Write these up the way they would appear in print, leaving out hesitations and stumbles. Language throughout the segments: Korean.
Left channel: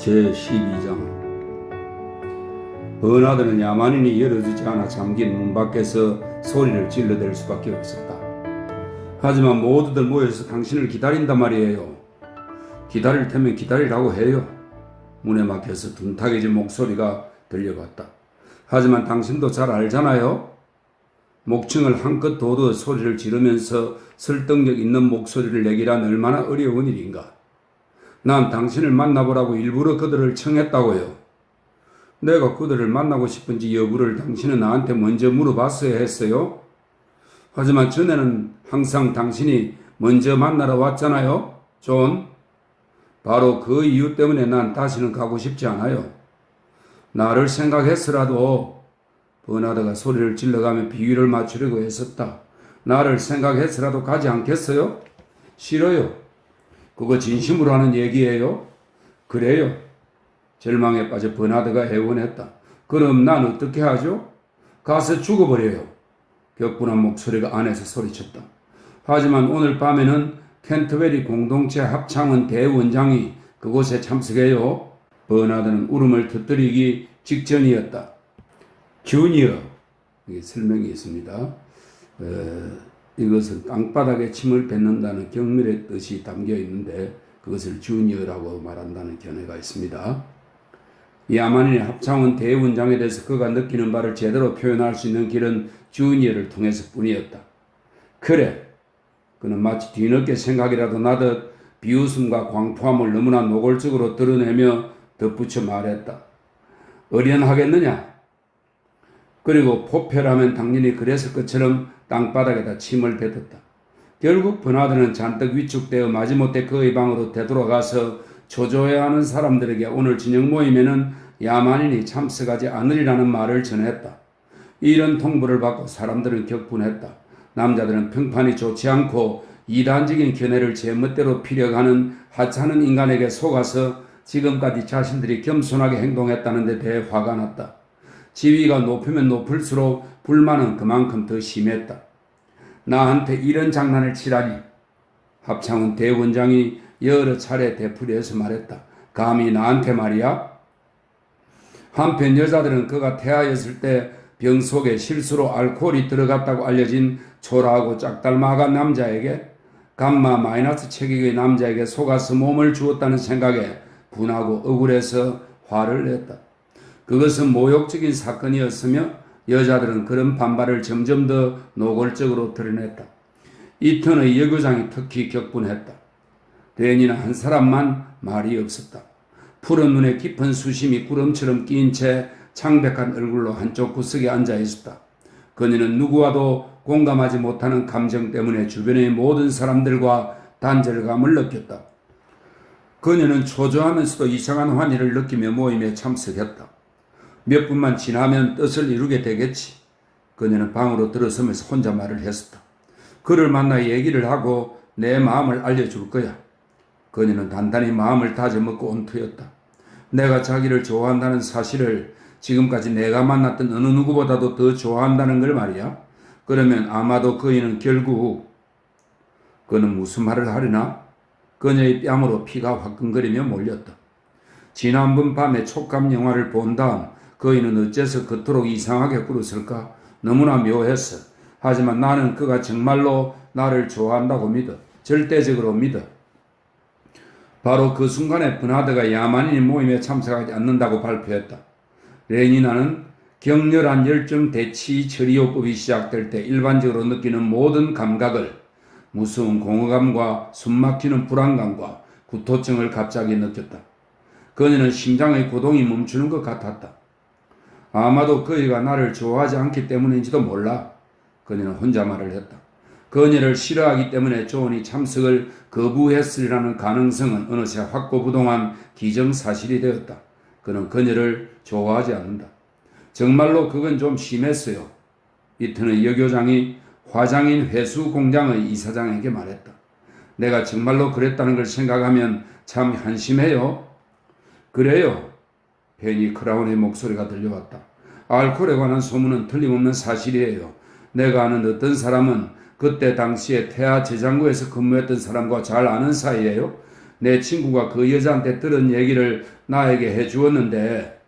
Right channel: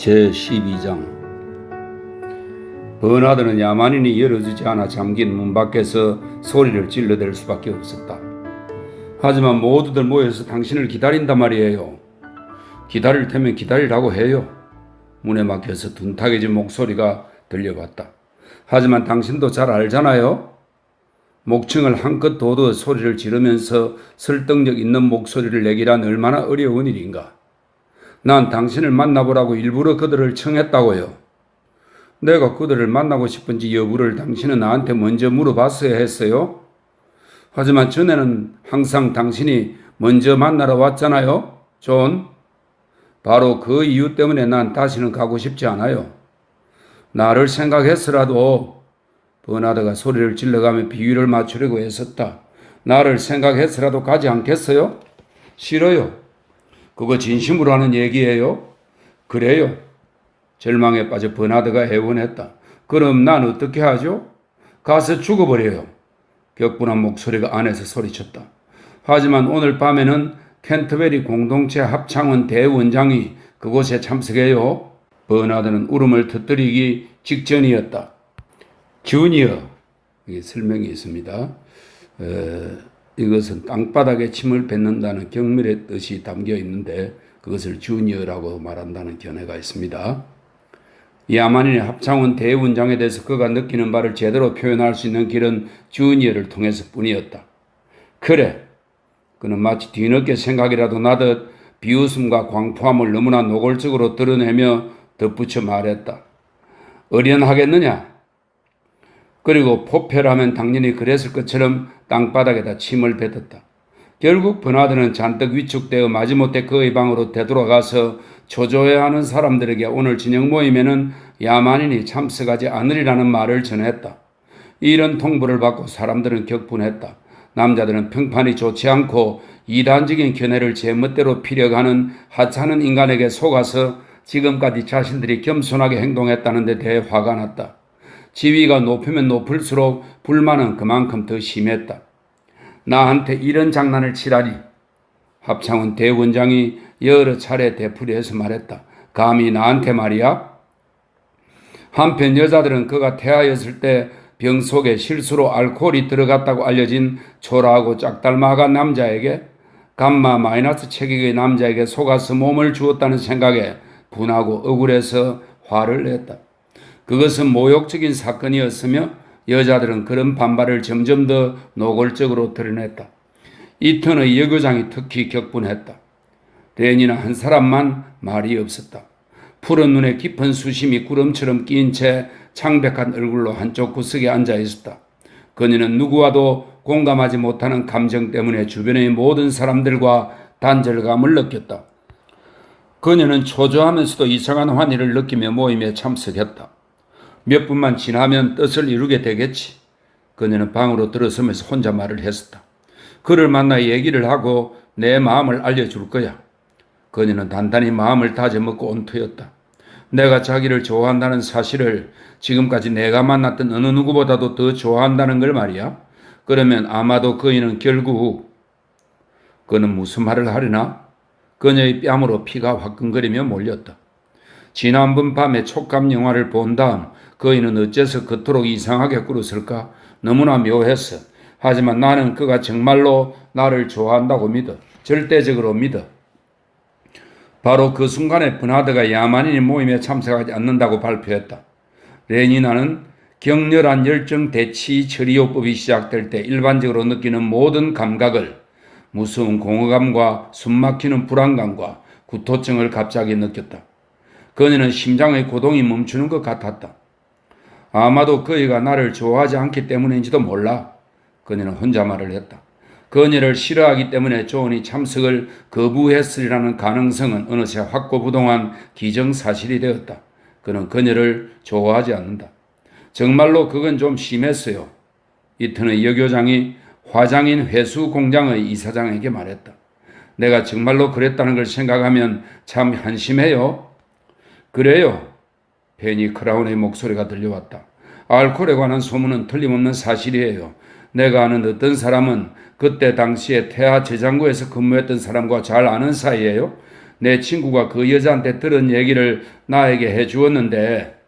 제12장. 버나드는 야만인이 열어주지 않아 잠긴 문 밖에서 소리를 질러댈 수밖에 없었다. 하지만 모두들 모여서 당신을 기다린단 말이에요. 기다릴 테면 기다리라고 해요. 문에 막혀서 둔탁해진 목소리가 들려왔다. 하지만 당신도 잘 알잖아요. 목청을 한껏 돋워 소리를 지르면서 설득력 있는 목소리를 내기란 얼마나 어려운 일인가. 난 당신을 만나보라고 일부러 그들을 청했다고요. 내가 그들을 만나고 싶은지 여부를 당신은 나한테 먼저 물어봤어야 했어요. 하지만 전에는 항상 당신이 먼저 만나러 왔잖아요, 존. 바로 그 이유 때문에 난 다시는 가고 싶지 않아요. 나를 생각했으라도, 버나드가 소리를 질러가며 비위를 맞추려고 애썼다. 나를 생각했으라도 가지 않겠어요? 싫어요. 그거 진심으로 하는 얘기예요? 그래요. 절망에 빠져 버나드가 애원했다. 그럼 난 어떻게 하죠? 가서 죽어버려요. 격분한 목소리가 안에서 소리쳤다. 하지만 오늘 밤에는 캔터베리 공동체 합창원 대원장이 그곳에 참석해요. 버나드는 울음을 터뜨리기 직전이었다. 주니어, 이게 설명이 있습니다. 이것은 땅바닥에 침을 뱉는다는 경멸의 뜻이 담겨 있는데 그것을 주니어라고 말한다는 견해가 있습니다. 야만인의 합창원 대원장에 대해서 그가 느끼는 바를 제대로 표현할 수 있는 길은 주니어를 통해서 뿐이었다. 그래, 그는 마치 뒤늦게 생각이라도 나듯 비웃음과 광포함을 너무나 노골적으로 드러내며 덧붙여 말했다. 어련하겠느냐? 그리고 포페라면 당연히 그랬을 것처럼 땅바닥에다 침을 뱉었다. 결국 버나드는 잔뜩 위축되어 마지못해 그의 방으로 되돌아가서 초조해하는 사람들에게 오늘 저녁 모임에는 야만인이 참석하지 않으리라는 말을 전했다. 이런 통보를 받고 사람들은 격분했다. 남자들은 평판이 좋지 않고 이단적인 견해를 제멋대로 피려가는 하찮은 인간에게 속아서 지금까지 자신들이 겸손하게 행동했다는 데 대해 화가 났다. 지위가 높으면 높을수록 불만은 그만큼 더 심했다. 나한테 이런 장난을 치라니. 합창원 대원장이 여러 차례 되풀이해서 말했다. 감히 나한테 말이야? 한편 여자들은 그가 태아였을 때 병 속에 실수로 알코올이 들어갔다고 알려진 초라하고 짝닮아간 남자에게 감마 마이너스 체격의 남자에게 속아서 몸을 주었다는 생각에 분하고 억울해서 화를 냈다. 그것은 모욕적인 사건이었으며 여자들은 그런 반발을 점점 더 노골적으로 드러냈다. 이 턴의 여교장이 특히 격분했다. 레니는 한 사람만 말이 없었다. 푸른 눈에 깊은 수심이 구름처럼 끼인 채 창백한 얼굴로 한쪽 구석에 앉아 있었다. 그녀는 누구와도 공감하지 못하는 감정 때문에 주변의 모든 사람들과 단절감을 느꼈다. 그녀는 초조하면서도 이상한 환희를 느끼며 모임에 참석했다. 몇 분만 지나면 뜻을 이루게 되겠지. 그녀는 방으로 들어서면서 혼자 말을 했었다. 그를 만나 얘기를 하고 내 마음을 알려줄 거야. 그녀는 단단히 마음을 다져먹고 온 터였다. 내가 자기를 좋아한다는 사실을 지금까지 내가 만났던 어느 누구보다도 더 좋아한다는 걸 말이야. 그러면 아마도 그이는 결국 그는 무슨 말을 하려나? 그녀의 뺨으로 피가 화끈거리며 몰렸다. 지난번 밤에 촉감 영화를 본 다음 그이는 어째서 그토록 이상하게 꿇었을까? 너무나 묘했어. 하지만 나는 그가 정말로 나를 좋아한다고 믿어. 절대적으로 믿어. 바로 그 순간에 버나드가 야만인의 모임에 참석하지 않는다고 발표했다. 레니나는 격렬한 열정 대치 처리요법이 시작될 때 일반적으로 느끼는 모든 감각을 무서운 공허감과 숨막히는 불안감과 구토증을 갑자기 느꼈다. 그녀는 심장의 고동이 멈추는 것 같았다. 아마도 그이가 나를 좋아하지 않기 때문인지도 몰라. 그녀는 혼자 말을 했다. 그녀를 싫어하기 때문에 존이 참석을 거부했으리라는 가능성은 어느새 확고부동한 기정사실이 되었다. 그는 그녀를 좋아하지 않는다. 정말로 그건 좀 심했어요. 이튿의 여교장이 화장인 회수 공장의 이사장에게 말했다. 내가 정말로 그랬다는 걸 생각하면 참 한심해요. 그래요. 페니 크라운의 목소리가 들려왔다. 알코올에 관한 소문은 틀림없는 사실이에요. 내가 아는 어떤 사람은 그때 당시에 태아 제장고에서 근무했던 사람과 잘 아는 사이예요. 내 친구가 그 여자한테 들은 얘기를 나에게 해주었는데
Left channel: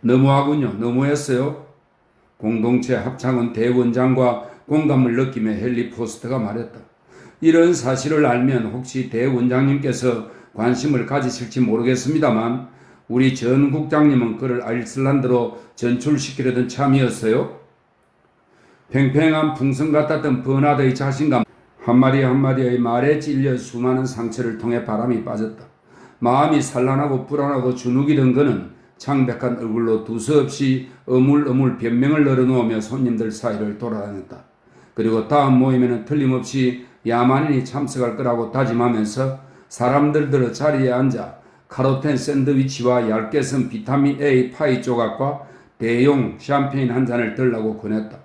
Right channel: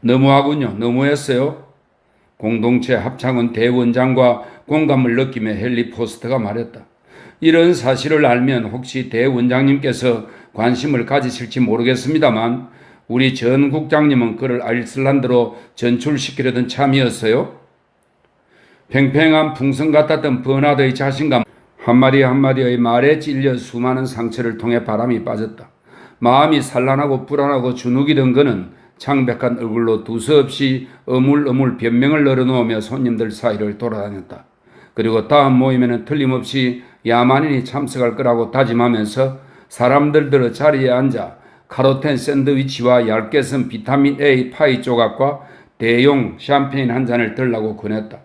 너무하군요. 너무했어요. 공동체 합창원 대원장과 공감을 느끼며 헨리 포스터가 말했다. 이런 사실을 알면 혹시 대원장님께서 관심을 가지실지 모르겠습니다만 우리 전 국장님은 그를 아이슬란드로 전출시키려던 참이었어요. 팽팽한 풍선 같았던 버나드의 자신감 한마디 한마디의 말에 찔려 수많은 상처를 통해 바람이 빠졌다. 마음이 산란하고 불안하고 주눅이던 그는 창백한 얼굴로 두서없이 어물어물 변명을 늘어놓으며 손님들 사이를 돌아다녔다. 그리고 다음 모임에는 틀림없이 야만인이 참석할 거라고 다짐하면서 사람들 들어 자리에 앉아 카로텐 샌드위치와 얇게 썬 비타민 A 파이 조각과 대용 샴페인 한 잔을 들라고 권했다.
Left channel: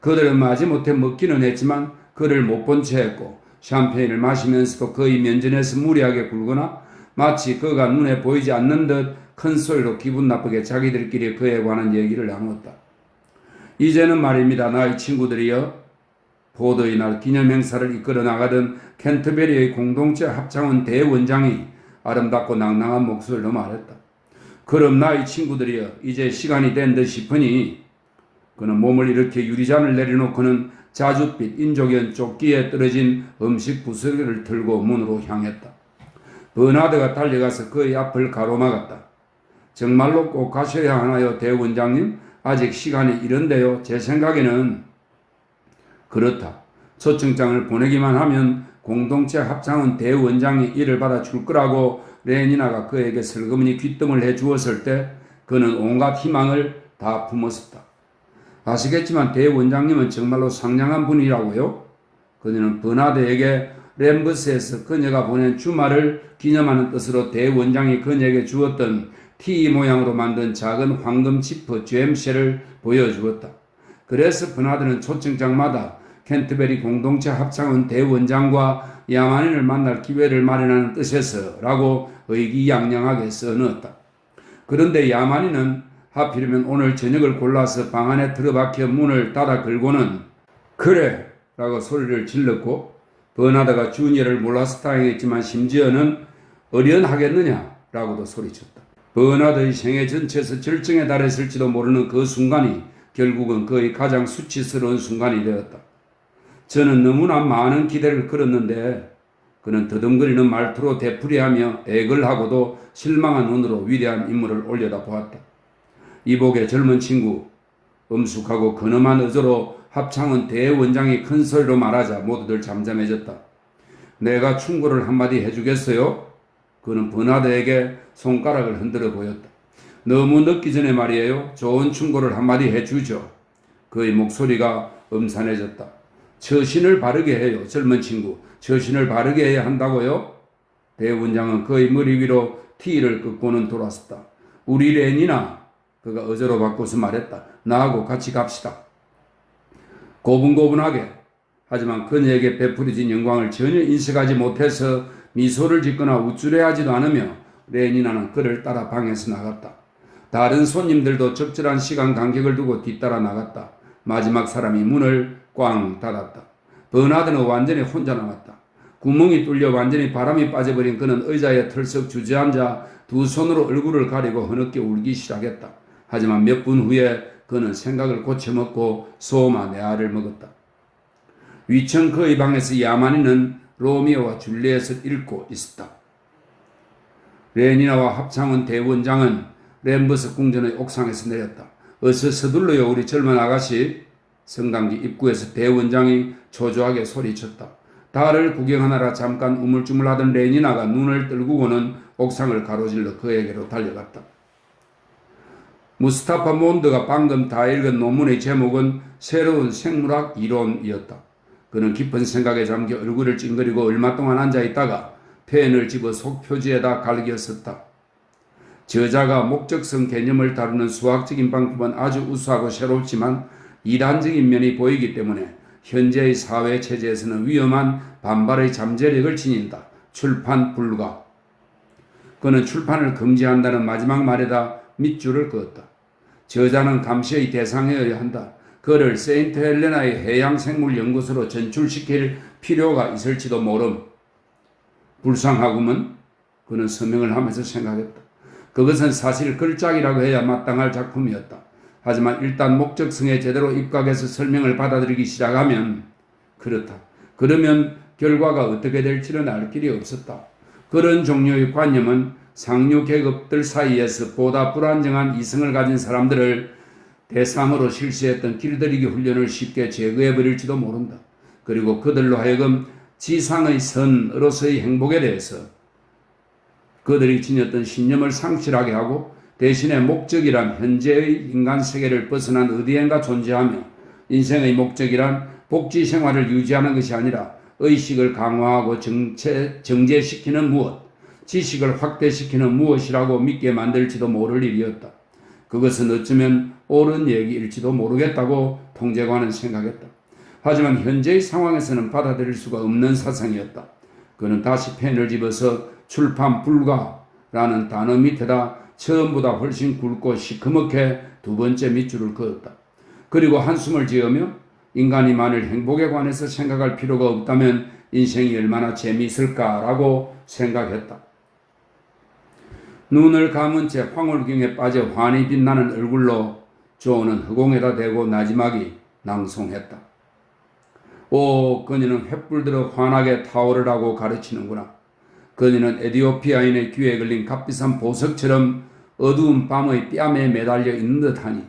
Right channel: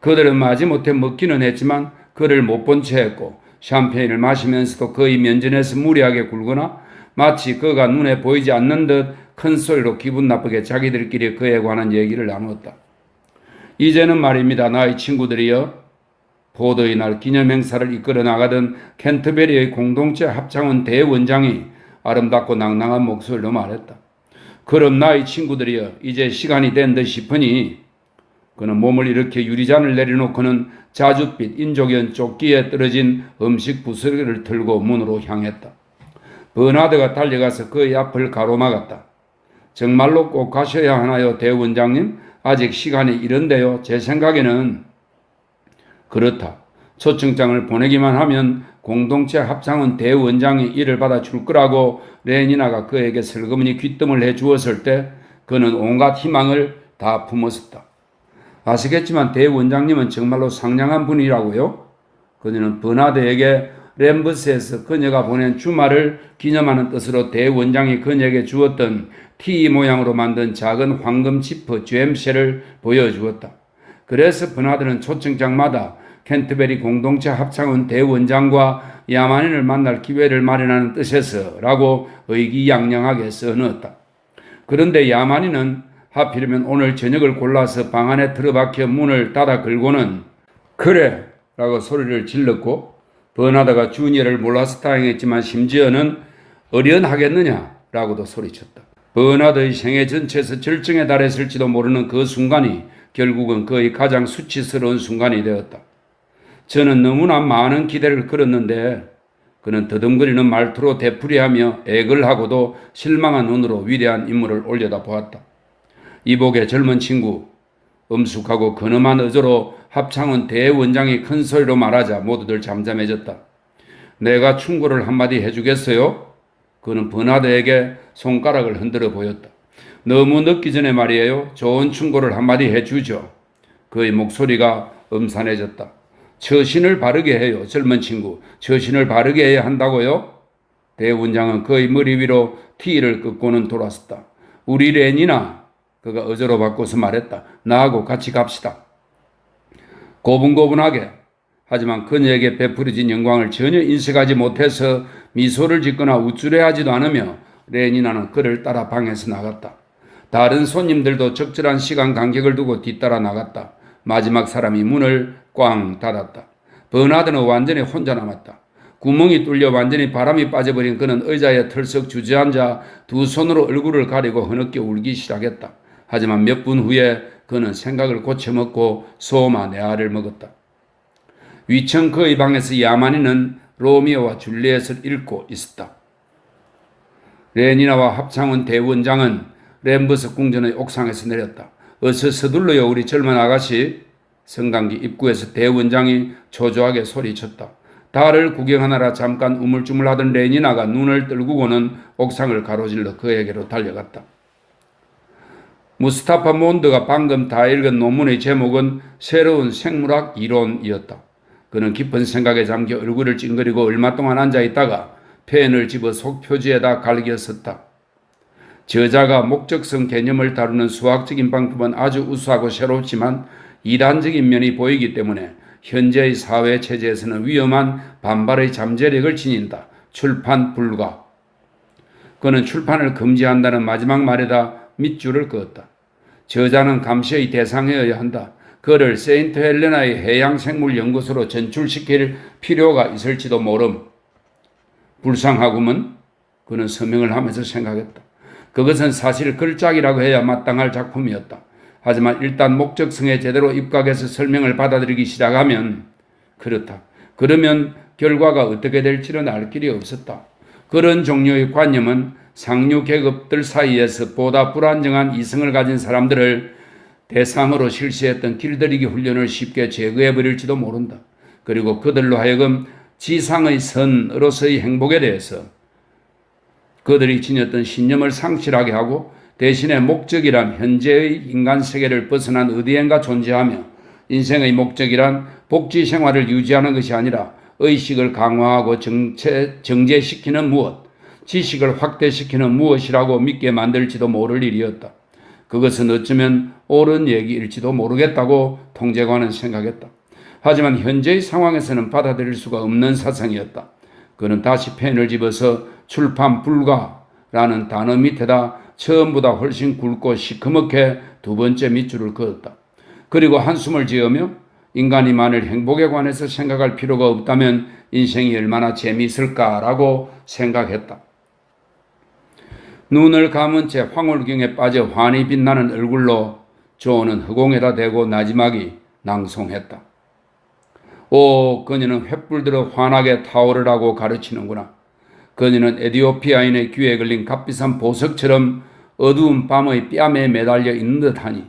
그들은 마지못해 먹기는 했지만 그를 못 본 채 했고 샴페인을 마시면서도 거의 면전에서 무리하게 굴거나 마치 그가 눈에 보이지 않는 듯 큰 소리로 기분 나쁘게 자기들끼리 그에 관한 얘기를 나누었다. 이제는 말입니다. 나의 친구들이여. 포도의 날 기념행사를 이끌어 나가던 캔터베리의 공동체 합창원 대원장이 아름답고 낭낭한 목소리로 말했다. 그럼 나의 친구들이여, 이제 시간이 된 듯 싶으니 그는 몸을 일으켜 유리잔을 내려놓고는 자줏빛 인조견 조끼에 떨어진 음식 부스러기를 들고 문으로 향했다. 버나드가 달려가서 그의 앞을 가로막았다. 정말로 꼭 가셔야 하나요, 대원장님? 아직 시간이 이른데요. 제 생각에는 그렇다. 초청장을 보내기만 하면 공동체 합창원 대원장이 이를 받아줄 거라고 레니나가 그에게 슬그머니 귀뜸을 해주었을 때 그는 온갖 희망을 다 품었었다. 아시겠지만 대원장님은 정말로 상냥한 분이라고요. 그녀는 버나드에게 램버스에서 그녀가 보낸 주말을 기념하는 뜻으로 대원장이 그녀에게 주었던 T 모양으로 만든 작은 황금 지퍼 젬쉘을 보여주었다. 그래서 버나드는 초청장마다 캔터베리 공동체 합창원 대원장과 야만인을 만날 기회를 마련하는 뜻에서 라고 의기양양하게 써넣었다. 그런데 야만인은 하필이면 오늘 저녁을 골라서 방 안에 들어박혀 문을 닫아 걸고는 그래! 라고 소리를 질렀고 버나드가 주니어를 몰라서 다행했지만 심지어는 어련하겠느냐? 라고도 소리쳤다. 버나드의 생애 전체에서 절정에 달했을지도 모르는 그 순간이 결국은 그의 가장 수치스러운 순간이 되었다. 저는 너무나 많은 기대를 걸었는데 그는 더듬거리는 말투로 되풀이하며 애걸하고도 실망한 눈으로 위대한 인물을 올려다보았다. 이복의 젊은 친구, 엄숙하고 근엄한 어조로 합창원 대원장이 큰 소리로 말하자 모두들 잠잠해졌다. 내가 충고를 한마디 해주겠어요? 그는 버나드에게 손가락을 흔들어 보였다. 너무 늦기 전에 말이에요. 좋은 충고를 한마디 해주죠. 그의 목소리가 음산해졌다. 처신을 바르게 해요. 젊은 친구. 처신을 바르게 해야 한다고요? 대원장은 그의 머리 위로 티를 긋고는 돌았었다. 우리 레니나. 그가 어조로 바꿔서 말했다. 나하고 같이 갑시다. 고분고분하게. 하지만 그녀에게 베풀어진 영광을 전혀 인식하지 못해서 미소를 짓거나 우쭐해하지도 않으며 레니나는 그를 따라 방에서 나갔다. 다른 손님들도 적절한 시간 간격을 두고 뒤따라 나갔다. 마지막 사람이 문을 꽝 닫았다. 버나드는 완전히 혼자 남았다. 구멍이 뚫려 완전히 바람이 빠져버린 그는 의자에 털썩 주저앉아 두 손으로 얼굴을 가리고 흐느껴 울기 시작했다. 하지만 몇 분 후에 그는 생각을 고쳐먹고 소마 네아를 먹었다. 위층 그의 방에서 야만인은 로미오와 줄리엣을 읽고 있었다. 레니나와 합창원 대원장은 램버스 궁전의 옥상에서 내렸다. 어서 서둘러요 우리 젊은 아가씨. 성당기 입구에서 대원장이 초조하게 소리쳤다. 달을 구경하느라 잠깐 우물쭈물하던 레니나가 눈을 떨구고는 옥상을 가로질러 그에게로 달려갔다. 무스타파 몬드가 방금 다 읽은 논문의 제목은 새로운 생물학 이론이었다. 그는 깊은 생각에 잠겨 얼굴을 찡그리고 얼마 동안 앉아있다가 펜을 집어 속 표지에다 갈겼었다. 저자가 목적성 개념을 다루는 수학적인 방법은 아주 우수하고 새롭지만 이단적인 면이 보이기 때문에 현재의 사회 체제에서는 위험한 반발의 잠재력을 지닌다. 출판 불가. 그는 출판을 금지한다는 마지막 말에다 밑줄을 그었다. 저자는 감시의 대상이어야 한다. 그를 세인트 헬레나의 해양생물연구소로 전출시킬 필요가 있을지도 모름. 불쌍하구먼. 그는 서명을 하면서 생각했다. 그것은 사실 걸작이라고 해야 마땅할 작품이었다. 하지만 일단 목적성에 제대로 입각해서 설명을 받아들이기 시작하면 그렇다. 그러면 결과가 어떻게 될지는 알 길이 없었다. 그런 종류의 관념은 상류 계급들 사이에서 보다 불안정한 이성을 가진 사람들을 대상으로 실시했던 길들이기 훈련을 쉽게 제거해버릴지도 모른다. 그리고 그들로 하여금 지상의 선으로서의 행복에 대해서 그들이 지녔던 신념을 상실하게 하고 대신에 목적이란 현재의 인간 세계를 벗어난 어디엔가 존재하며 인생의 목적이란 복지 생활을 유지하는 것이 아니라 의식을 강화하고 정제시키는 무엇, 지식을 확대시키는 무엇이라고 믿게 만들지도 모를 일이었다. 그것은 어쩌면 옳은 얘기일지도 모르겠다고 통제관은 생각했다. 하지만 현재의 상황에서는 받아들일 수가 없는 사상이었다. 그는 다시 펜을 집어서 출판 불가라는 단어 밑에다 처음보다 훨씬 굵고 시커멓게 두 번째 밑줄을 그었다. 그리고 한숨을 지으며 인간이 만일 행복에 관해서 생각할 필요가 없다면 인생이 얼마나 재미있을까라고 생각했다. 눈을 감은 채 황홀경에 빠져 환히 빛나는 얼굴로 조는 허공에다 대고 나지막이 낭송했다. 오, 그녀는 횃불들어 환하게 타오르라고 가르치는구나. 그녀는 에티오피아인의 귀에 걸린 값비싼 보석처럼 어두운 밤의 뺨에 매달려 있는 듯하니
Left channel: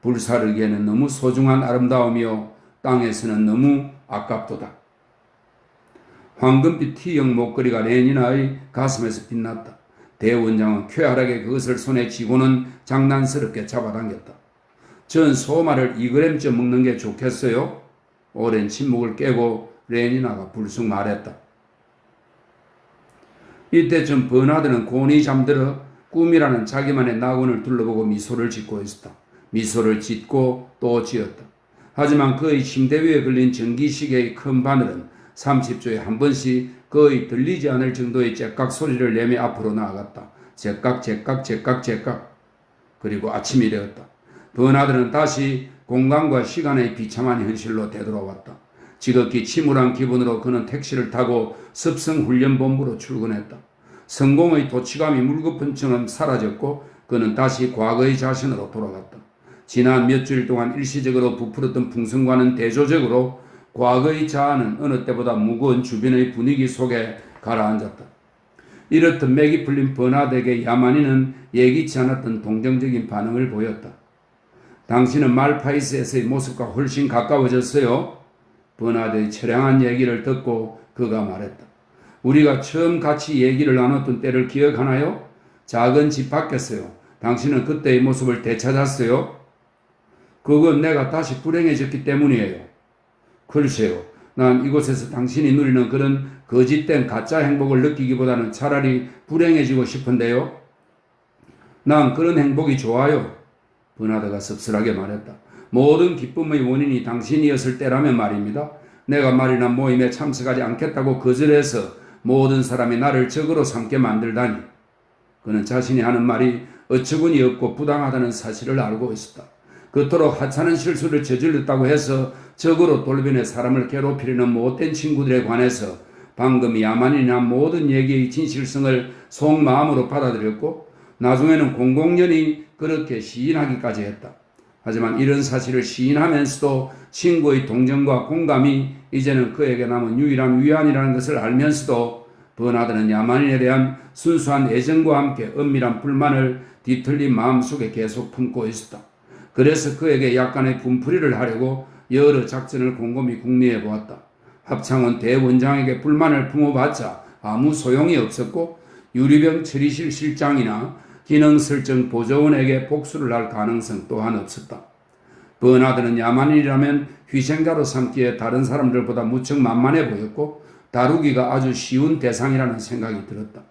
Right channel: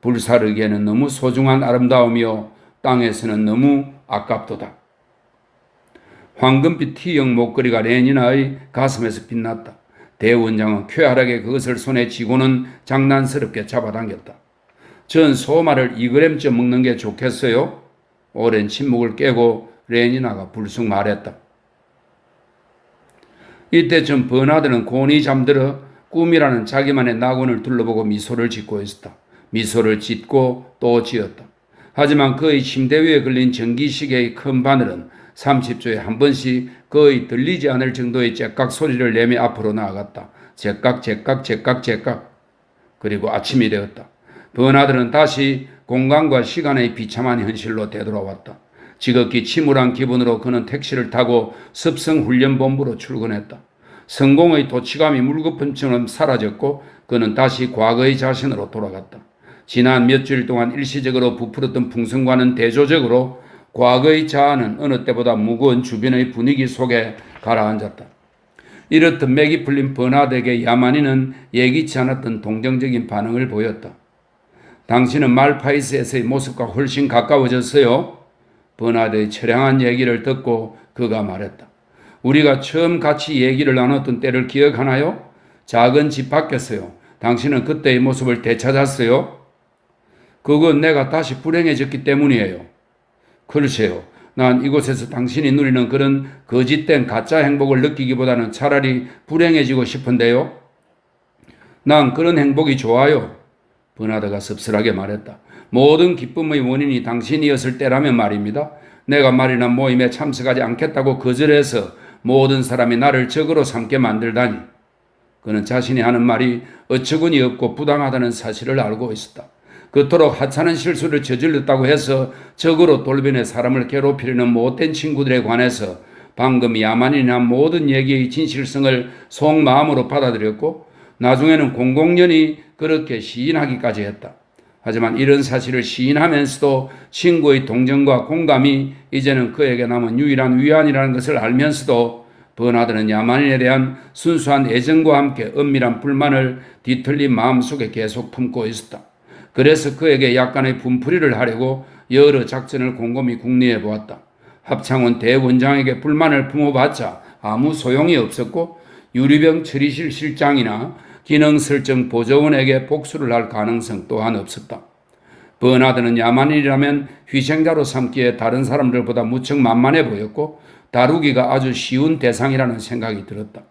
불사르기에는 너무 소중한 아름다움이요 땅에서는 너무 아깝도다. 황금빛 T형 목걸이가 레니나의 가슴에서 빛났다. 대원장은 쾌활하게 그것을 손에 쥐고는 장난스럽게 잡아당겼다. 전 소마를 2g쯤 먹는 게 좋겠어요? 오랜 침묵을 깨고 레니나가 불쑥 말했다. 이때쯤 버나드는 곤히 잠들어 꿈이라는 자기만의 낙원을 둘러보고 미소를 짓고 있었다. 미소를 짓고 또 지었다. 하지만 그의 침대 위에 걸린 전기시계의 큰 바늘은 30초에 한 번씩 거의 들리지 않을 정도의 째깍 소리를 내며 앞으로 나아갔다. 째깍 째깍 째깍 째깍. 그리고 아침이 되었다. 버나드는 다시 공간과 시간의 비참한 현실로 되돌아왔다. 지극히 침울한 기분으로 그는 택시를 타고 습성훈련본부로 출근했다. 성공의 도취감이 물거품처럼 사라졌고 그는 다시 과거의 자신으로 돌아갔다. 지난 몇 주일 동안 일시적으로 부풀었던 풍성과는 대조적으로 과거의 자아는 어느 때보다 무거운 주변의 분위기 속에 가라앉았다. 이렇듯 맥이 풀린 버나드에게 야만인은 예기치 않았던 동정적인 반응을 보였다. 당신은 말파이스에서의 모습과 훨씬 가까워졌어요. 버나드의 처량한 얘기를 듣고 그가 말했다. 우리가 처음 같이 얘기를 나눴던 때를 기억하나요? 작은 집 바뀌었어요. 당신은 그때의 모습을 되찾았어요. 그건 내가 다시 불행해졌기 때문이에요. 글쎄요. 난 이곳에서 당신이 누리는 그런 거짓된 가짜 행복을 느끼기보다는 차라리 불행해지고 싶은데요. 난 그런 행복이 좋아요. 버나드가 씁쓸하게 말했다. 모든 기쁨의 원인이 당신이었을 때라면 말입니다. 내가 말이나 모임에 참석하지 않겠다고 거절해서 모든 사람이 나를 적으로 삼게 만들다니. 그는 자신이 하는 말이 어처구니 없고 부당하다는 사실을 알고 있었다. 그토록 하찮은 실수를 저질렀다고 해서 적으로 돌변해 사람을 괴롭히려는 못된 친구들에 관해서 방금 야만인이 한 모든 얘기의 진실성을 속마음으로 받아들였고 나중에는 공공연히 그렇게 시인하기까지 했다. 하지만 이런 사실을 시인하면서도 친구의 동정과 공감이 이제는 그에게 남은 유일한 위안이라는 것을 알면서도 버나드는 야만인에 대한 순수한 애정과 함께 은밀한 불만을 뒤틀린 마음속에 계속 품고 있었다. 그래서 그에게 약간의 분풀이를 하려고 여러 작전을 곰곰이 궁리해 보았다. 합창원 대원장에게 불만을 품어봤자 아무 소용이 없었고 유리병 처리실 실장이나 기능설정 보조원에게 복수를 할 가능성 또한 없었다. 버나드는 야만인이라면 희생자로 삼기에 다른 사람들보다 무척 만만해 보였고 다루기가 아주 쉬운 대상이라는 생각이 들었다.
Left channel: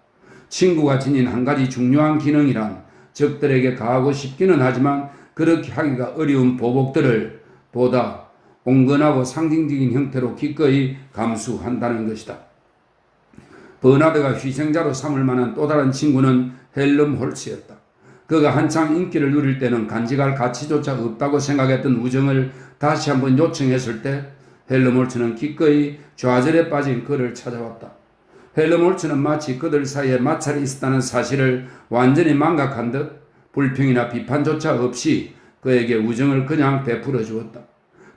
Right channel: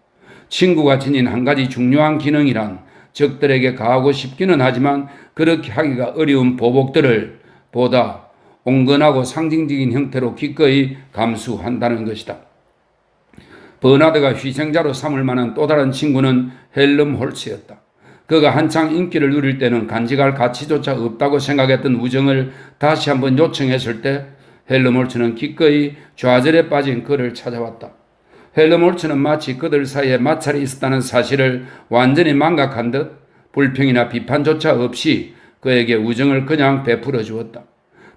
친구가 지닌 한 가지 중요한 기능이란 적들에게 가하고 싶기는 하지만 그렇게 하기가 어려운 보복들을 보다 온건하고 상징적인 형태로 기꺼이 감수한다는 것이다. 버나드가 희생자로 삼을 만한 또 다른 친구는 헬름 홀츠였다. 그가 한창 인기를 누릴 때는 간직할 가치조차 없다고 생각했던 우정을 다시 한번 요청했을 때 헬름 홀츠는 기꺼이 좌절에 빠진 그를 찾아왔다. 헬르몰츠는 마치 그들 사이에 마찰이 있었다는 사실을 완전히 망각한 듯 불평이나 비판조차 없이 그에게 우정을 그냥 베풀어 주었다.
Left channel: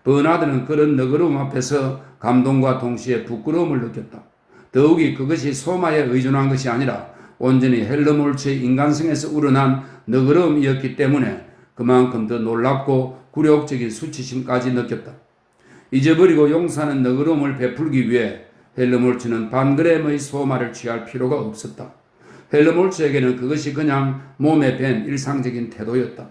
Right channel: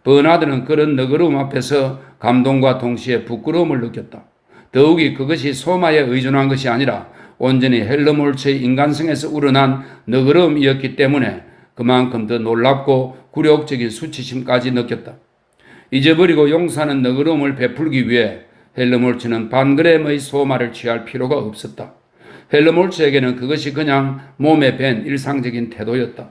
버나드는 그런 너그러움 앞에서 감동과 동시에 부끄러움을 느꼈다. 더욱이 그것이 소마에 의존한 것이 아니라 온전히 헬르몰츠의 인간성에서 우러난 너그러움이었기 때문에 그만큼 더 놀랍고 굴욕적인 수치심까지 느꼈다. 잊어버리고 용서하는 너그러움을 베풀기 위해 헬르몰츠는 반그램의 소마를 취할 필요가 없었다. 헬르몰츠에게는 그것이 그냥 몸에 밴 일상적인 태도였다.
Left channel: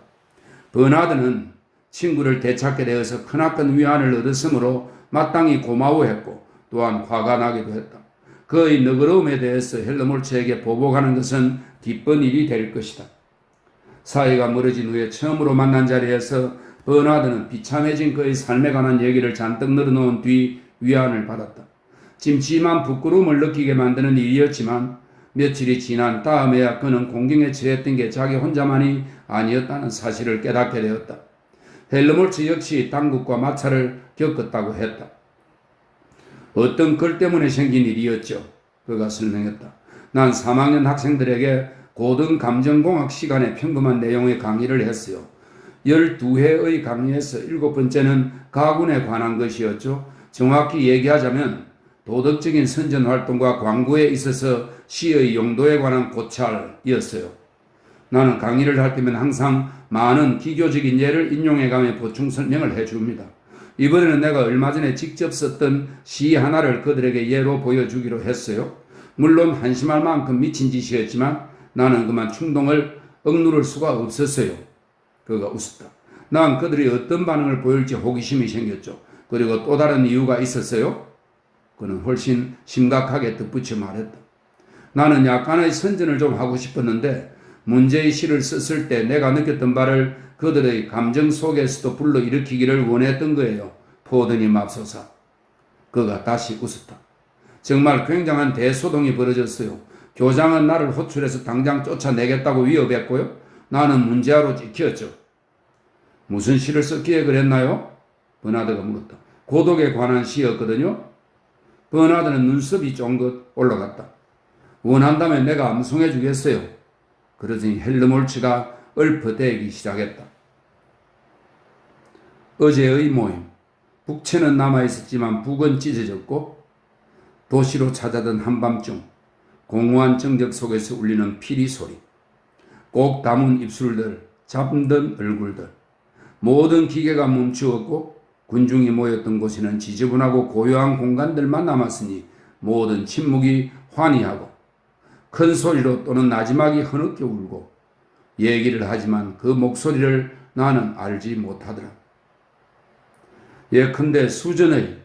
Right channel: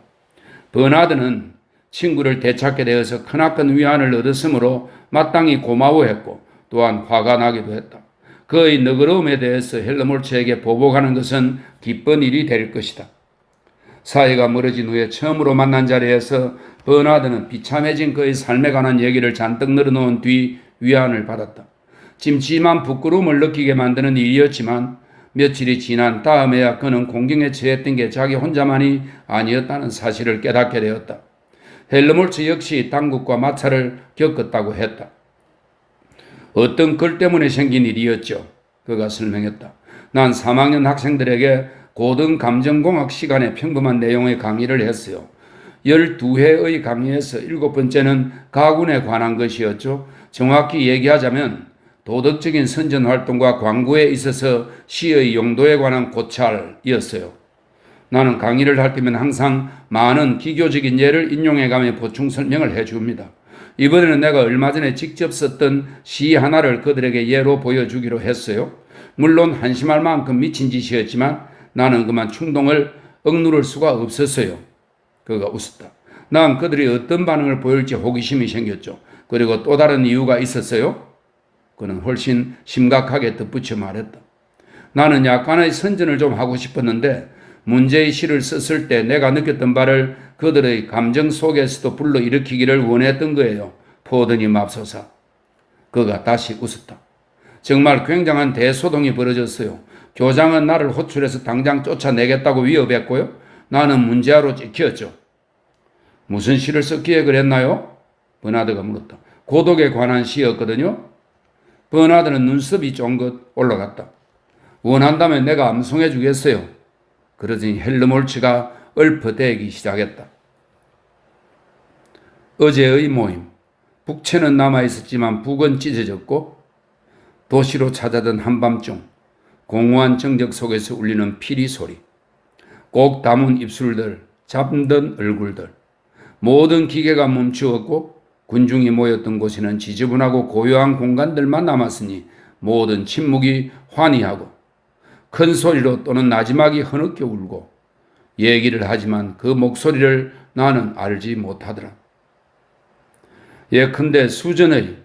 버나드는 친구를 되찾게 되어서 크나큰 위안을 얻었으므로 마땅히 고마워했고 또한 화가 나기도 했다. 그의 너그러움에 대해서 헬르몰츠에게 보복하는 것은 기쁜 일이 될 것이다. 사이가 멀어진 후에 처음으로 만난 자리에서 버나드는 비참해진 그의 삶에 관한 얘기를 잔뜩 늘어놓은 뒤 위안을 받았다. 찜찜한 부끄러움을 느끼게 만드는 일이었지만 며칠이 지난 다음에야 그는 공경에 처했던 게 자기 혼자만이 아니었다는 사실을 깨닫게 되었다. 헬르몰츠 역시 당국과 마찰을 겪었다고 했다. 어떤 글 때문에 생긴 일이었죠. 그가 설명했다. 난 3학년 학생들에게 고등감정공학 시간에 평범한 내용의 강의를 했어요. 12회의 강의에서 7번째는 가군에 관한 것이었죠. 정확히 얘기하자면 도덕적인 선전활동과 광고에 있어서 시의 용도에 관한 고찰이었어요. 나는 강의를 할 때면 항상 많은 기교적인 예를 인용해가며 보충 설명을 해줍니다. 이번에는 내가 얼마 전에 직접 썼던 시 하나를 그들에게 예로 보여주기로 했어요. 물론 한심할 만큼 미친 짓이었지만 나는 그만 충동을 억누를 수가 없었어요. 그가 웃었다. 난 그들이 어떤 반응을 보일지 호기심이 생겼죠. 그리고 또 다른 이유가 있었어요. 그는 훨씬 심각하게 덧붙여 말했다. 나는 약간의 선전을 좀 하고 싶었는데 문제의 시를 썼을 때 내가 느꼈던 바를 그들의 감정 속에서도 불러일으키기를 원했던 거예요. 포드니 맙소사. 그가 다시 웃었다. 정말 굉장한 대소동이 벌어졌어요. 교장은 나를 호출해서 당장 쫓아내겠다고 위협했고요. 나는 문제아로 찍혔죠. 무슨 시를 썼기에 그랬나요? 버나드가 물었다. 고독에 관한 시였거든요. 버나드는 눈썹이 쫑긋 올라갔다. 원한다면 내가 암송해 주겠어요. 그러더니 헬르몰츠가 읊어대기 시작했다. 어제의 모임. 북채는 남아있었지만 북은 찢어졌고 도시로 찾아든 한밤중 공허한 정적 속에서 울리는 피리 소리. 꼭 담은 입술들, 잠든 얼굴들. 모든 기계가 멈추었고 군중이 모였던 곳에는 지저분하고 고요한 공간들만 남았으니 모든 침묵이 환희하고 큰 소리로 또는 나지막이 흐느껴 울고 얘기를 하지만 그 목소리를 나는 알지 못하더라. 예컨대 수전의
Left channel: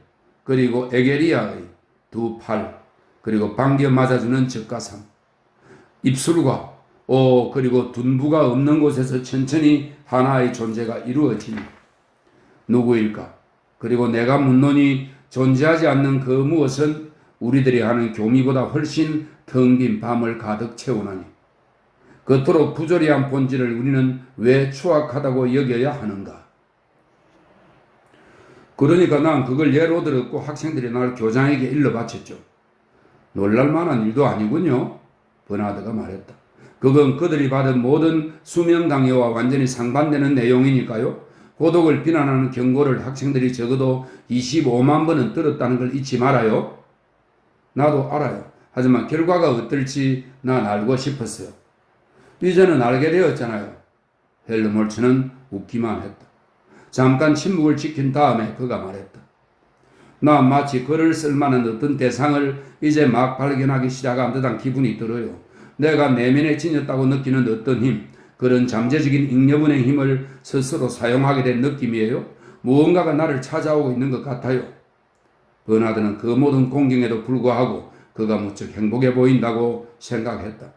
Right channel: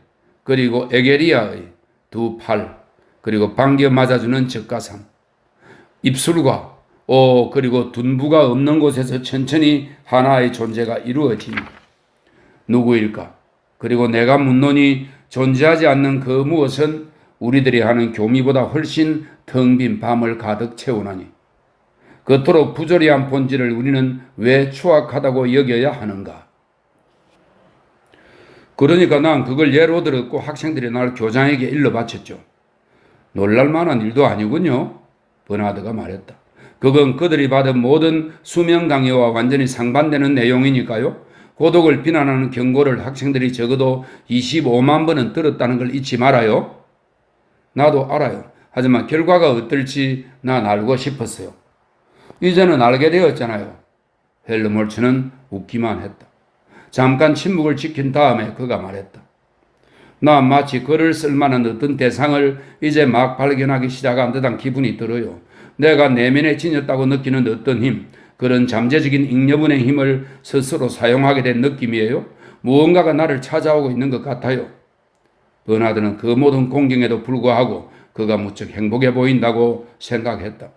그리고 에게리아의 두 팔 그리고 반겨 맞아주는 젖가삼 입술과 그리고 둔부가 없는 곳에서 천천히 하나의 존재가 이루어지니 누구일까? 그리고 내가 묻노니 존재하지 않는 그 무엇은 우리들이 하는 교미보다 훨씬 텅 빈 밤을 가득 채우나니 그토록 부조리한 본질을 우리는 왜 추악하다고 여겨야 하는가? 그러니까 난 그걸 예로 들었고 학생들이 날 교장에게 일러 바쳤죠. 놀랄만한 일도 아니군요. 버나드가 말했다. 그건 그들이 받은 모든 수면 강요와 완전히 상반되는 내용이니까요. 고독을 비난하는 경고를 학생들이 적어도 25만 번은 들었다는 걸 잊지 말아요. 나도 알아요. 하지만 결과가 어떨지 난 알고 싶었어요. 이제는 알게 되었잖아요. 헬르몰츠는 웃기만 했다. 잠깐 침묵을 지킨 다음에 그가 말했다. 난 마치 글을 쓸만한 어떤 대상을 이제 막 발견하기 시작한 듯한 기분이 들어요. 내가 내면에 지녔다고 느끼는 어떤 힘, 그런 잠재적인 잉여분의 힘을 스스로 사용하게 된 느낌이에요. 무언가가 나를 찾아오고 있는 것 같아요. 버나드는 그 모든 공경에도 불구하고 그가 무척 행복해 보인다고 생각했다.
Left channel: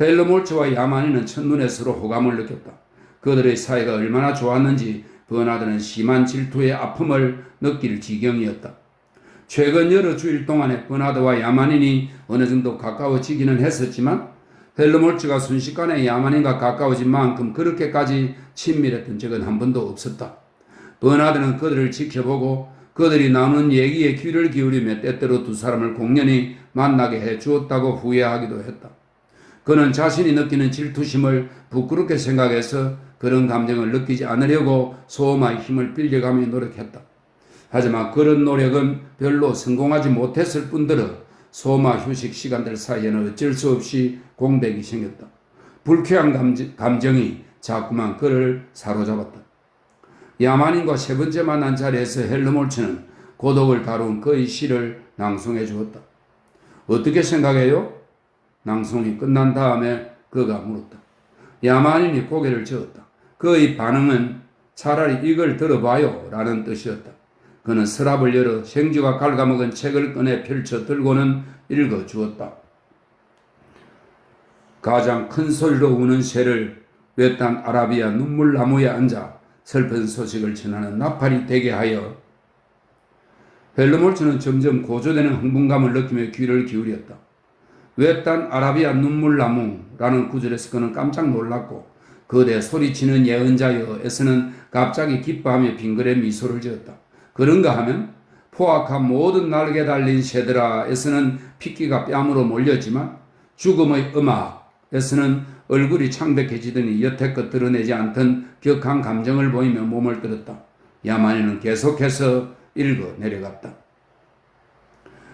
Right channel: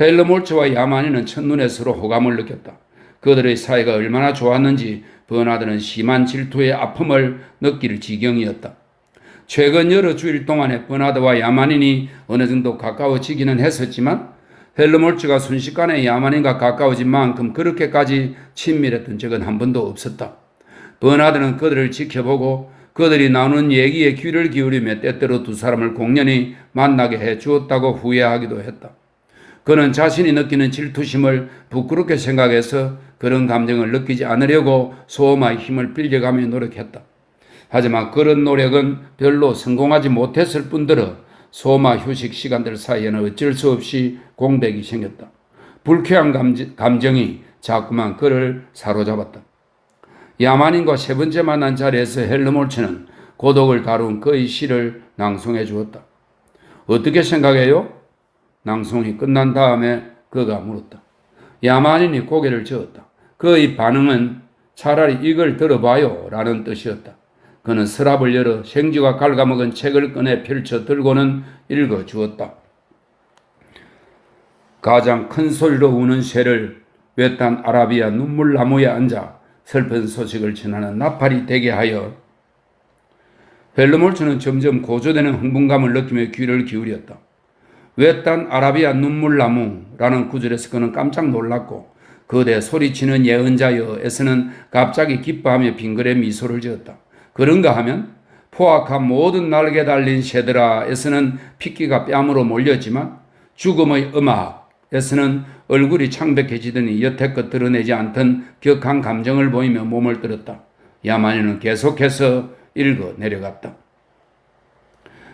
헬르몰츠와 야만이는 첫눈에 서로 호감을 느꼈다. 그들의 사이가 얼마나 좋았는지 버나드는 심한 질투의 아픔을 느낄 지경이었다. 최근 여러 주일 동안에 버나드와 야만인이 어느 정도 가까워지기는 했었지만 헬르몰츠가 순식간에 야만인과 가까워진 만큼 그렇게까지 친밀했던 적은 한 번도 없었다. 버나드는 그들을 지켜보고 그들이 나누는 얘기에 귀를 기울이며 때때로 두 사람을 공연히 만나게 해 주었다고 후회하기도 했다. 그는 자신이 느끼는 질투심을 부끄럽게 생각해서 그런 감정을 느끼지 않으려고 소마의 힘을 빌려가며 노력했다. 하지만 그런 노력은 별로 성공하지 못했을 뿐더러 소마 휴식 시간들 사이에는 어쩔 수 없이 공백이 생겼다. 불쾌한 감정이 자꾸만 그를 사로잡았다. 야만인과 세 번째 만난 자리에서 헬르몰츠는 고독을 다룬 그의 시를 낭송해 주었다. 어떻게 생각해요? 낭송이 끝난 다음에 그가 물었다. 야만인이 고개를 저었다. 그의 반응은 차라리 이걸 들어봐요 라는 뜻이었다. 그는 서랍을 열어 생쥐가 갉아먹은 책을 꺼내 펼쳐 들고는 읽어 주었다. 가장 큰 소리로 우는 새를 외딴 아라비아 눈물나무에 앉아 슬픈 소식을 전하는 나팔이 되게 하여. 헬르몰츠는 점점 고조되는 흥분감을 느끼며 귀를 기울였다. 외딴 아라비아 눈물나무라는 구절에서 그는 깜짝 놀랐고 거대 소리치는 예언자여에서는 갑자기 기뻐하며 빙그레 미소를 지었다. 그런가 하면 포악한 모든 날개 달린 새들아에서는 핏기가 뺨으로 몰렸지만 죽음의 음악에서는 얼굴이 창백해지더니 여태껏 드러내지 않던 격한 감정을 보이며 몸을 들었다. 야만인은 계속해서 읽어 내려갔다.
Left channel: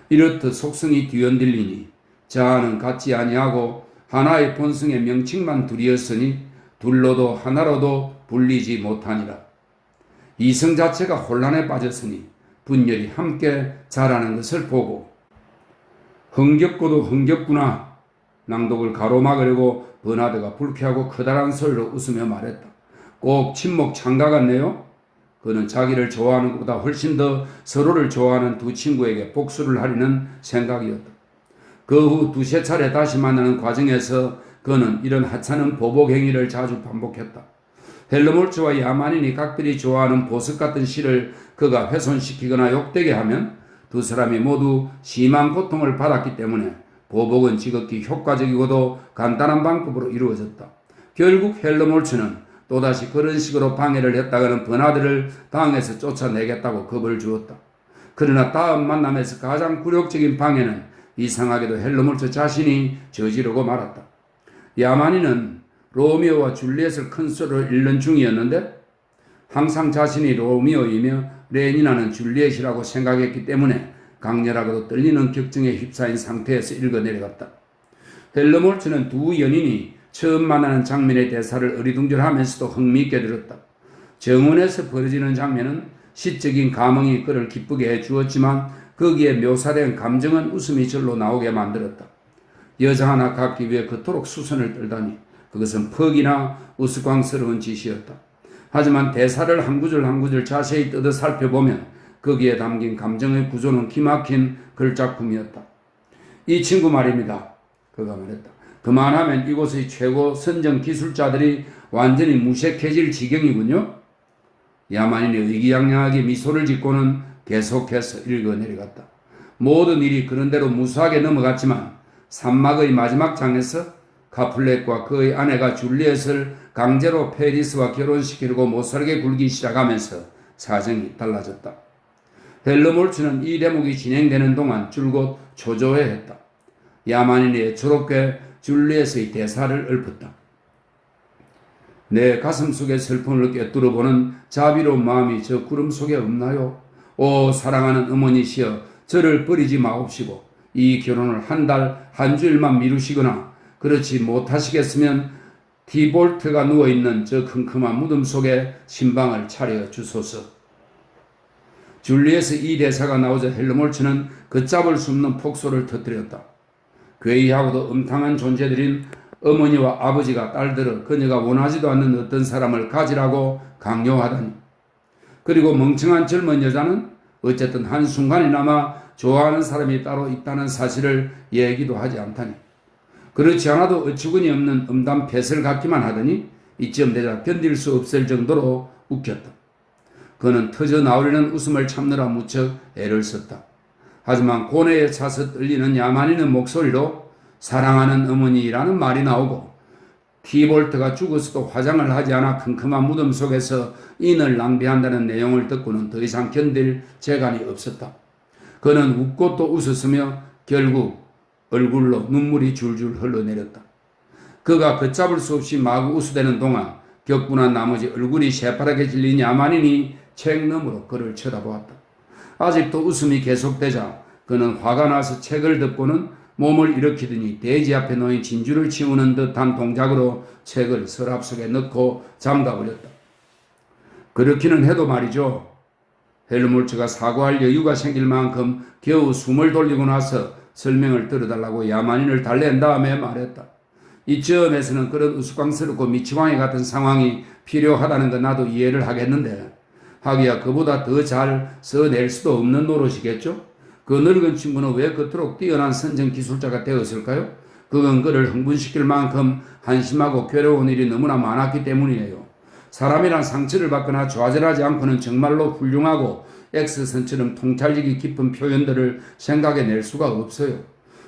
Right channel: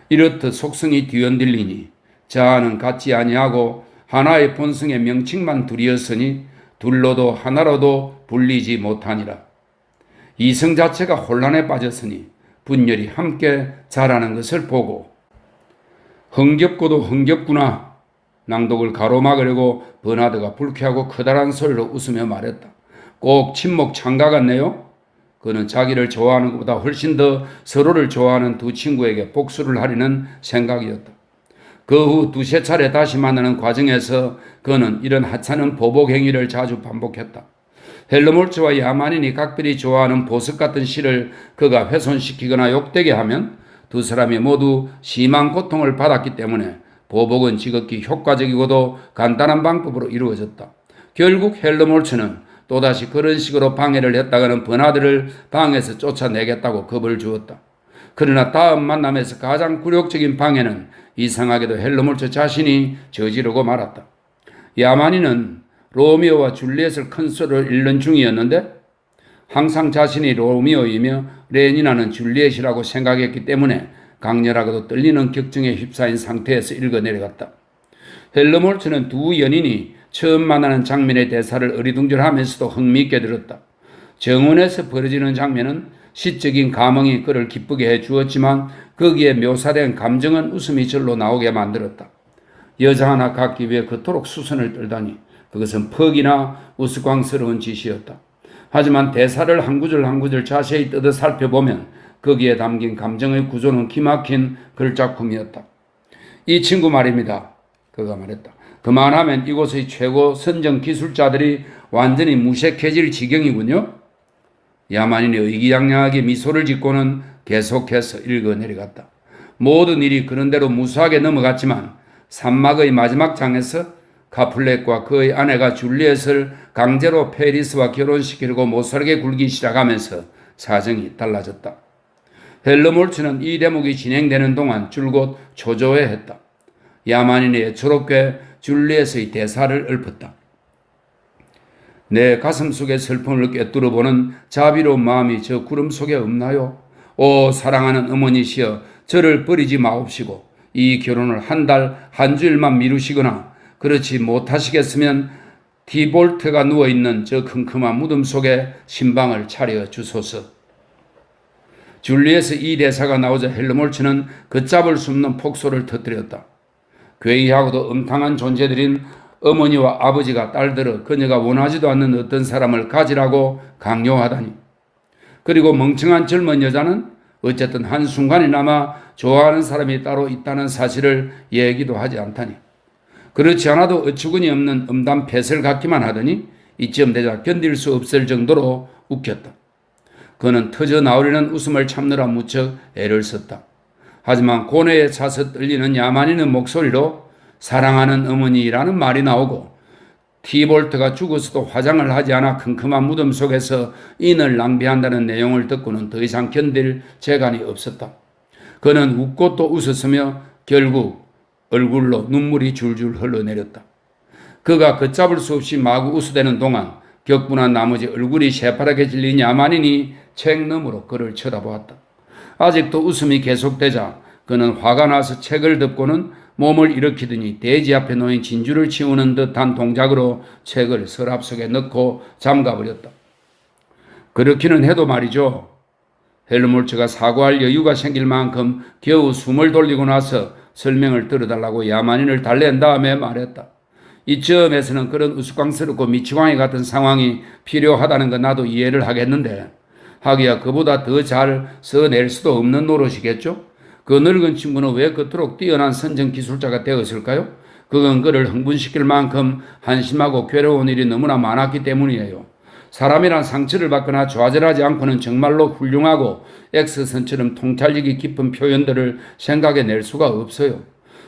이렇듯 속성이 뒤흔들리니 자아는 같지 아니하고 하나의 본성의 명칭만 둘이었으니 둘로도 하나로도 분리지 못하니라. 이성 자체가 혼란에 빠졌으니 분열이 함께 자라는 것을 보고 흥겹고도 흥겹구나. 낭독을 가로막으려고 버나드가 불쾌하고 커다란 소리로 웃으며 말했다. 꼭 친목 창가 같네요. 그는 자기를 좋아하는 것보다 훨씬 더 서로를 좋아하는 두 친구에게 복수를 하려는 생각이었다. 그 후 두세 차례 다시 만나는 과정에서 그는 이런 하찮은 보복 행위를 자주 반복했다. 헬르몰츠와 야만인이 각별히 좋아하는 보석 같은 시를 그가 훼손시키거나 욕되게 하면 두 사람이 모두 심한 고통을 받았기 때문에 보복은 지극히 효과적이고도 간단한 방법으로 이루어졌다. 결국 헬르몰츠는 또다시 그런 식으로 방해를 했다가는 버나드를 방에서 쫓아내겠다고 겁을 주었다. 그러나 다음 만남에서 가장 굴욕적인 방해는 이상하게도 헬르몰츠 자신이 저지르고 말았다. 야만인은 로미오와 줄리엣을 큰 소리로 읽는 중이었는데 항상 자신이 로미오이며 레니나는 줄리엣이라고 생각했기 때문에 강렬하고도 떨리는 격정에 휩싸인 상태에서 읽어 내려갔다. 헬르몰츠는 두 연인이 처음 만나는 장면의 대사를 어리둥절하면서도 흥미있게 들었다. 정원에서 벌어지는 장면은 시적인 감흥이 그를 기쁘게 해 주었지만 거기에 묘사된 감정은 웃음이 절로 나오게 만들었다. 여자 하나 갖기 위해 그토록 수선을 떨다니 그것은 퍽이나 우스꽝스러운 짓이었다. 하지만 대사를 한 구절 한 구절 자세히 뜯어 살펴보면 거기에 담긴 감정의 구조는 기막힌 글작품이었다. 이 친구 말입니다. 그가 말했다. 그만하면 이곳의 최고 선정 기술자들이 완전히 무색해질 지경이군요. 야만인이 의기양양하게 미소를 짓고는 계속해서 읽어 내려갔다. 모든 일이 그런대로 무수하게 넘어갔지만 산막의 마지막 장에서 카플렛과 그의 아내가 줄리엣을 강제로 페리스와 결혼시키려고 못살게 굴기 시작하면서 사정이 달라졌다. 헬르몰츠는 이 대목이 진행되는 동안 줄곧 초조해했다. 야만인이 애처롭게 줄리엣의 대사를 읊었다. 내 가슴 속의 슬픔을 꿰뚫어보는 자비로운 마음이 저 구름 속에 없나요? 오 사랑하는 어머니시여 저를 버리지 마옵시고 이 결혼을 한 달, 한 주일만 미루시거나 그렇지 못하시겠으면 디볼트가 누워있는 저 컴컴한 무덤 속에 신방을 차려 주소서. 줄리엣의 이 대사가 나오자 헬르몰츠는 걷잡을 수 없는 폭소를 터뜨렸다. 괴이하고도 음탕한 존재들인 어머니와 아버지가 딸들을 그녀가 원하지도 않는 어떤 사람을 가지라고 강요하다니. 그리고 멍청한 젊은 여자는 어쨌든 한순간이나마 좋아하는 사람이 따로 있다는 사실을 얘기도 하지 않다니. 그렇지 않아도 어처구니 없는 음담 폐설 같기만 하더니 이쯤 되자 견딜 수 없을 정도로 웃겼다. 그는 터져 나오려는 웃음을 참느라 무척 애를 썼다. 하지만 고뇌에 차서 떨리는 야만인의 목소리로 사랑하는 어머니라는 말이 나오고 티볼트가 죽어서도 화장을 하지 않아 큼큼한 무덤 속에서 인을 낭비한다는 내용을 듣고는 더 이상 견딜 재간이 없었다. 그는 웃고 또 웃었으며 결국 얼굴로 눈물이 줄줄 흘러내렸다. 그가 걷잡을 수 없이 마구 웃어대는 동안 격분한 나머지 얼굴이 새파랗게 질린 야만인이 책 너머로 그를 쳐다보았다. 아직도 웃음이 계속되자 그는 화가 나서 책을 덮고는 몸을 일으키더니 대지 앞에 놓인 진주를 치우는 듯한 동작으로 책을 서랍 속에 넣고 잠가버렸다. 그렇기는 해도 말이죠. 헬무트가 사과할 여유가 생길 만큼 겨우 숨을 돌리고 나서 설명을 들어달라고 야만인을 달랜 다음에 말했다. 이쯤에서는 그런 우스꽝스럽고 미치광이 같은 상황이 필요하다는 건 나도 이해를 하겠는데 하기야 그보다 더 잘 써낼 수도 없는 노릇이겠죠? 그 늙은 친구는 왜 그토록 뛰어난 선정 기술자가 되었을까요? 그건 그를 흥분시킬 만큼 한심하고 괴로운 일이 너무나 많았기 때문이에요. 사람이란 상처를 받거나 좌절하지 않고는 정말로 훌륭하고 X선처럼 통찰력이 깊은 표현들을 생각해낼 수가 없어요.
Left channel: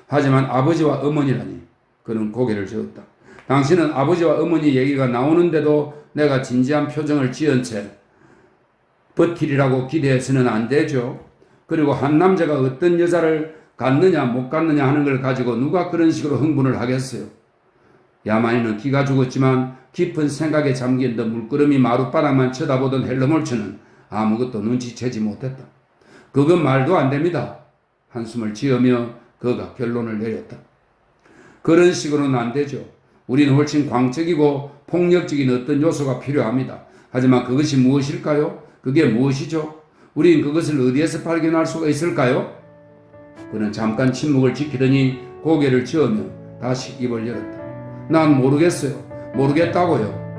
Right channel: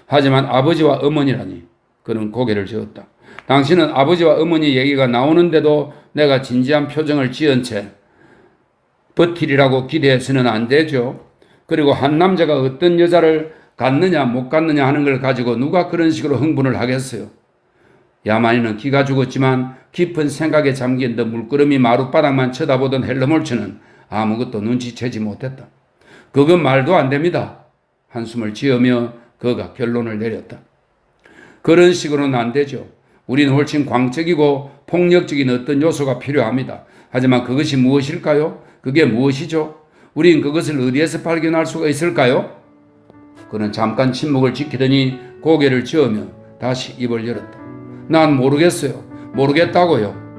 하지만 아버지와 어머니라니. 그는 고개를 저었다. 당신은 아버지와 어머니 얘기가 나오는데도 내가 진지한 표정을 지은 채 버티리라고 기대해서는 안 되죠. 그리고 한 남자가 어떤 여자를 갖느냐 못 갖느냐 하는 걸 가지고 누가 그런 식으로 흥분을 하겠어요. 야만인은 기가 죽었지만 깊은 생각에 잠긴 듯 물끄러미 마룻바닥만 쳐다보던 헬머홀츠는 아무것도 눈치채지 못했다. 그건 말도 안 됩니다. 한숨을 지으며 그가 결론을 내렸다. 그런 식으로는 안 되죠. 우리는 훨씬 광적이고 폭력적인 어떤 요소가 필요합니다. 하지만 그것이 무엇일까요? 그게 무엇이죠? 우린 그것을 어디에서 발견할 수가 있을까요? 그는 잠깐 침묵을 지키더니 고개를 저으며 다시 입을 열었다. 난 모르겠어요. 모르겠다고요.